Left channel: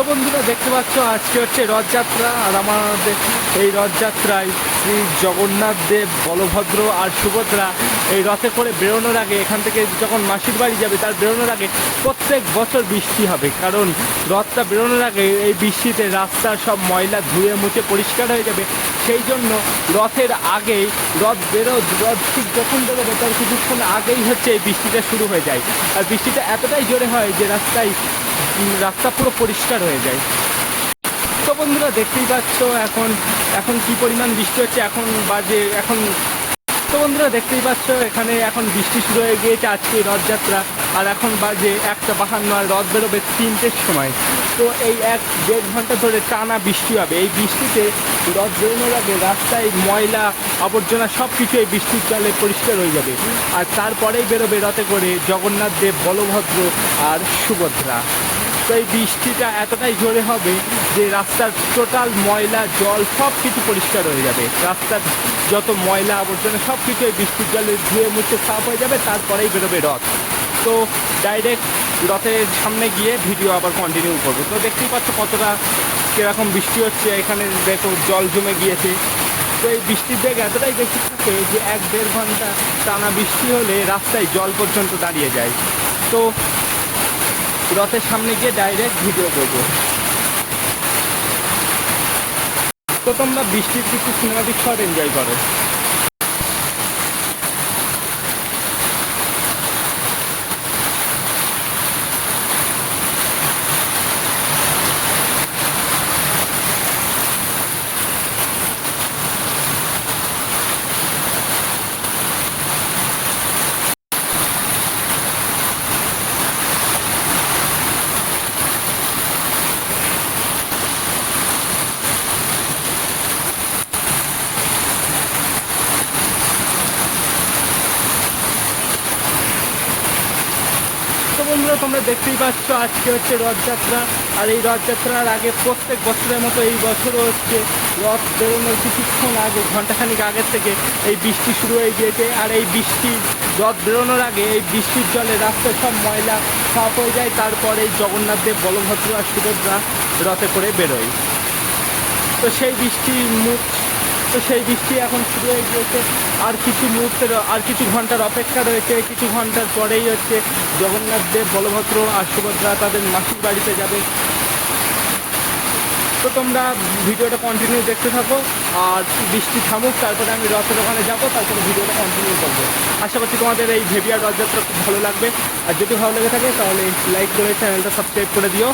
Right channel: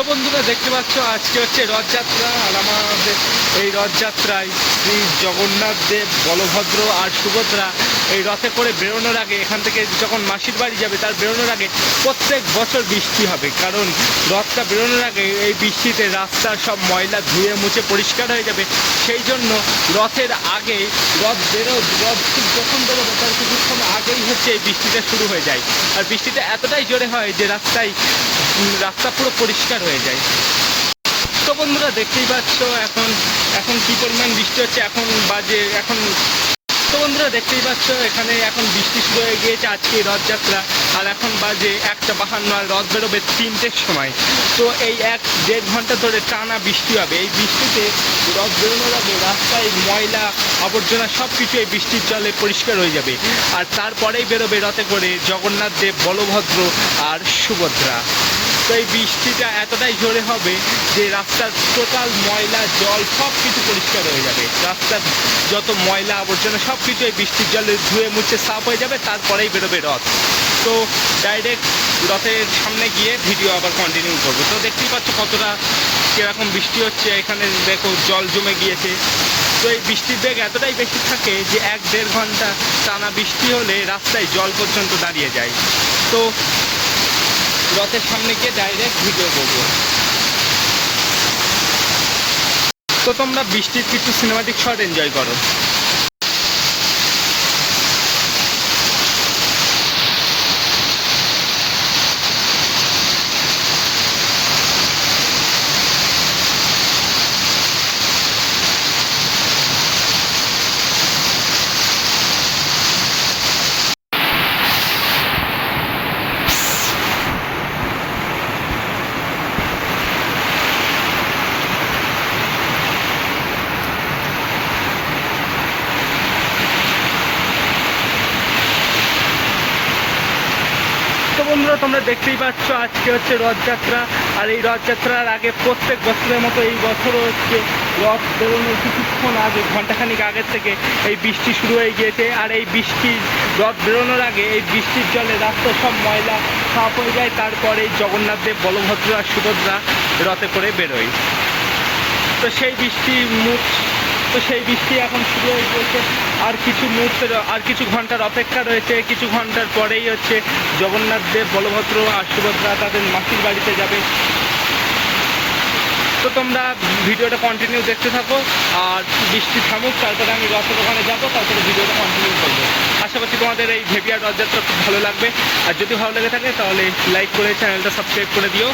তো বন্ধুরা দেখতে পাচ্ছ আজকে হচ্ছে রথযাত্রা, আর আমাদের এই রথযাত্রায় শ্রী জগন্নাথ দেব, বলভদ্র আর সুভদ্রা এই রথে করে বেরোনোর আগে, এখান থেকে যখন মাসির বাড়ি যাবে তার বেরোনোর আগে প্রত্যেক বছর বৃষ্টি হবে। কারণ রথটা বেরোনোর আগে এই বৃষ্টিতে রাস্তার সব ময়লা ধুয়ে মুছে পরিষ্কার হয়ে যাবে। সেই জন্য রথের আগেই রথ ঠিক যখন বেরোবে তার কিছুক্ষণ আগেই হচ্ছে এই বৃষ্টিটা শুরু হয়ে যায়। আর বৃষ্টিটা এতটাই জোরে হয় যে রাস্তা পুরো পরিষ্কার হয়ে যায়। তো বন্ধুরা দেখতেই পাচ্ছ এখন এখন কি পরিমাণ বৃষ্টি হচ্ছে। তো বন্ধুরা দেখতেই পাচ্ছ এখানে এখন বৃষ্টি শুরু হয়ে গিয়েছে আজকে রথযাত্রা, আর এখন বাজে 1:52, আর রথ বেরোবে 3টের সময়। তো এই 1-1.5 ঘন্টা ধরে টানা বৃষ্টি হবে। এই বৃষ্টিতে রথ বেরোনোর আগে রাস্তায় ময়লা আবর্জনা সব কিছু এই বৃষ্টির জলে পরিষ্কার হয়ে যাবে। আর তারপরেই বেরোবে রথে করে জগন্নাথ দেব, বলভদ্র আর সুভদ্রা। তো এই বৃষ্টিটা এতটাই জোরে হবে যে রাস্তার টোটাল ময়লা জল সব কিছু পরিষ্কার হয়ে যাবে। রাস্তার যত ময়লা আবর্জনা সব কিছু এই বৃষ্টির জলে ধুয়ে মুছে সাফ হয়ে যাবে। তারপরেই বেরোবে রথ। তো ডাইরেক্ট রথের সামনে গিয়ে ভিডিও আবার কন্টিনিউ করবো। তো দেখতেই পাচ্ছ কতটা কীরকম বৃষ্টি হচ্ছে। এখানে দেখো জল জমে গিয়েছে। তো এই বৃষ্টির বেগ এতটাই বেশি থাকে যে 1-1.5 ঘন্টা টানা বৃষ্টি হলে রাস্তায় জল পর্যন্ত দাঁড়িয়ে যায়। তো রথের সামনে গিয়ে ডাইরেক্ট ভিডিও করবো। তো তোমরা বৃষ্টির কিছু সিনেমাটিক শট এনজয় করো। তো বন্ধুরা তোমরা দেখতেই পাচ্ছ আজকে হচ্ছে রথযাত্রা, আর এই রথযাত্রার আগে প্রত্যেক বছরের মতো এই বছরও হচ্ছে রথ বেরোনোর কিছুক্ষণ আগে, ঘন্টাখানিক আগের থেকে এই বৃষ্টি শুরু হয়ে গিয়েছে। আর এই রথ বেরোনোর আগে এই বৃষ্টির জলে রাস্তার সব ময়লা সাফ হয়ে যায়। তারপরে জগন্নাথ দেব, বলভদ্র আর সুভদ্রা রথে করে বেরোয়। তো সেই বৃষ্টি এখন শুরু হয়ে গিয়েছে। আর কিছু ঘন্টার অপেক্ষা রয়েছে। কিছু ঘন্টার পরেই হচ্ছে জগন্নাথ দেব, বলভদ্র আর সুভদ্রা তাদের মাসির বাড়িতে যাবে। তো তোমরা ভিডিওটা কন্টিনিউ দেখতে থাকো, আর বৃষ্টি থামুক তারপরে আমি রথের ওখানে যাবো, তারপরে ভিডিওটা কন্টিনিউ করবো। আশা করছি তোমাদের এই ভেভিয়ার রথযাত্রা খুব ভালো লাগবে। আর যদি ভালো লেগে থাকে তাহলে লাইক করে চ্যানেলটা সাবস্ক্রাইব করে দিও।